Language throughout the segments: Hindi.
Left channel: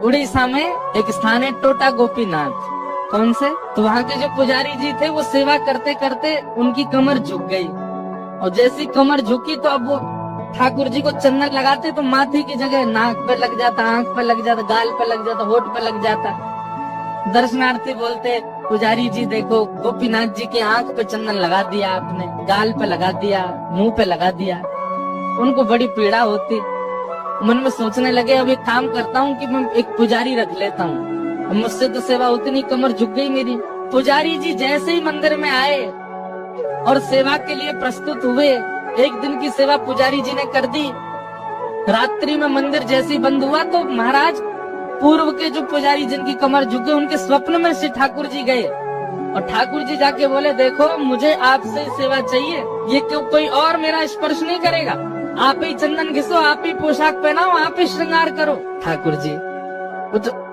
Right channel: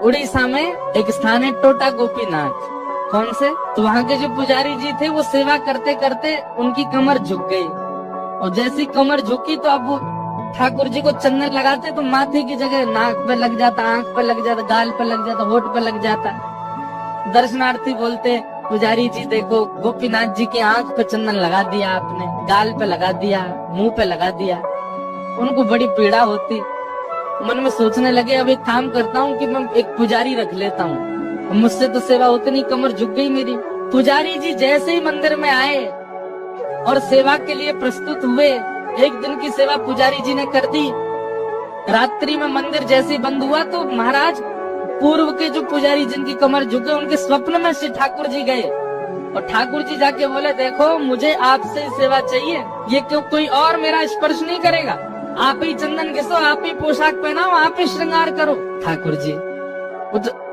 उड़ीसा में एक स्थान है टोटा गोपीनाथ। कौन से? तो वहाँ के जो पुजारी जी थे वो सेवा करते करते उनकी कमर झुक गई, और जैसी कमर झुकी तो अब वो ठाकुर जी को चंदन लगाते तो माथे की जगह नाक पे लग जाता, आंख पे लग जाता, गाल पे लग जाता, होठ पे लग जाता। दर्शनार्थी बोलते, पुजारी जी देखो गोपीनाथ जी के आंख पे चंदन लगा दिया आपने, गाल पे लगा दिया, मुंह पे लगा दिया। उनको बड़ी पीड़ा होती। मन में सोचने लगे अब एक काम करता हूँ कि मैं एक पुजारी रख लेता हूँ, मुझसे तो सेवा होती नहीं, कमर झुक गई मेरी। पुजारी जी जैसे ही मंदिर में आए और सेवा के लिए प्रस्तुत हुए, एक दिन की सेवा पुजारी जी ने कर दी। रात्रि में मंदिर जैसे ही बंद हुआ तो महाराज पूर्व के जो पुजारी जिनकी कमर झुके उनके स्वप्न में से ठाकुर जी गए, और ठाकुर जी जाके बोले देखो मुझे आपसे सेवा चाहिए, ये क्यों कोई और मेरा स्पर्श नहीं करेगा, आप ही चंदन घिसो, आप ही पोशाक पहनाओ, आप ही श्रृंगार करो। ठाकुर जी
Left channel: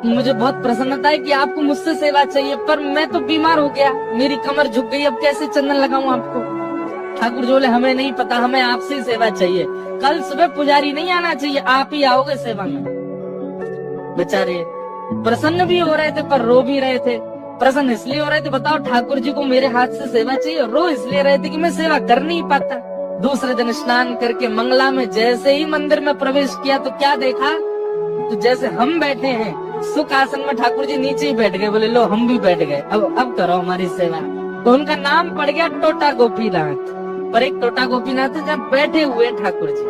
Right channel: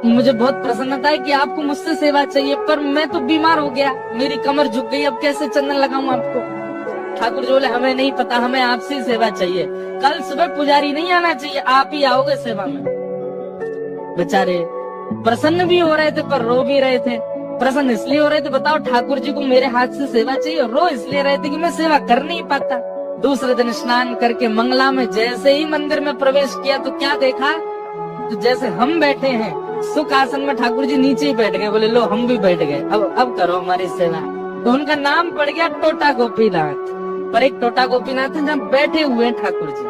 मुझे बहुत प्रसन्नता है कि आपको मुझसे सेवा चाहिए, पर मैं तो बीमार हो गया, मेरी कमर झुक गई, अब कैसे चंदन लगाऊं आपको। ठाकुर जी बोले हमें नहीं पता, हमें आपसे सेवा चाहिए, कल सुबह पुजारी नहीं आना चाहिए, आप ही आओगे सेवा में। बेचारे प्रसन्न भी हो रहे थे पर रो भी रहे थे। प्रसन्न इसलिए हो रहे थे, बताओ ठाकुर जी को मेरे हाथ से सेवा चाहिए, रो इसलिए रहे थे कि मैं सेवा कर नहीं पाता। दूसरे दिन स्नान करके मंगला में जैसे ही मंदिर में प्रवेश किया तो क्या देखा, तो जैसे हम बैठे हैं सुख आसन में ठाकुर जी नीचे ही बैठ गए। बोले लो हम भी बैठ गए, अब करो हमारी सेवा। तो उनका नाम पड़ गया टोटा गोपीनाथ। पर एक टोटा गोपीनाथ है जहाँ बैठे हुए ठाकुर जी।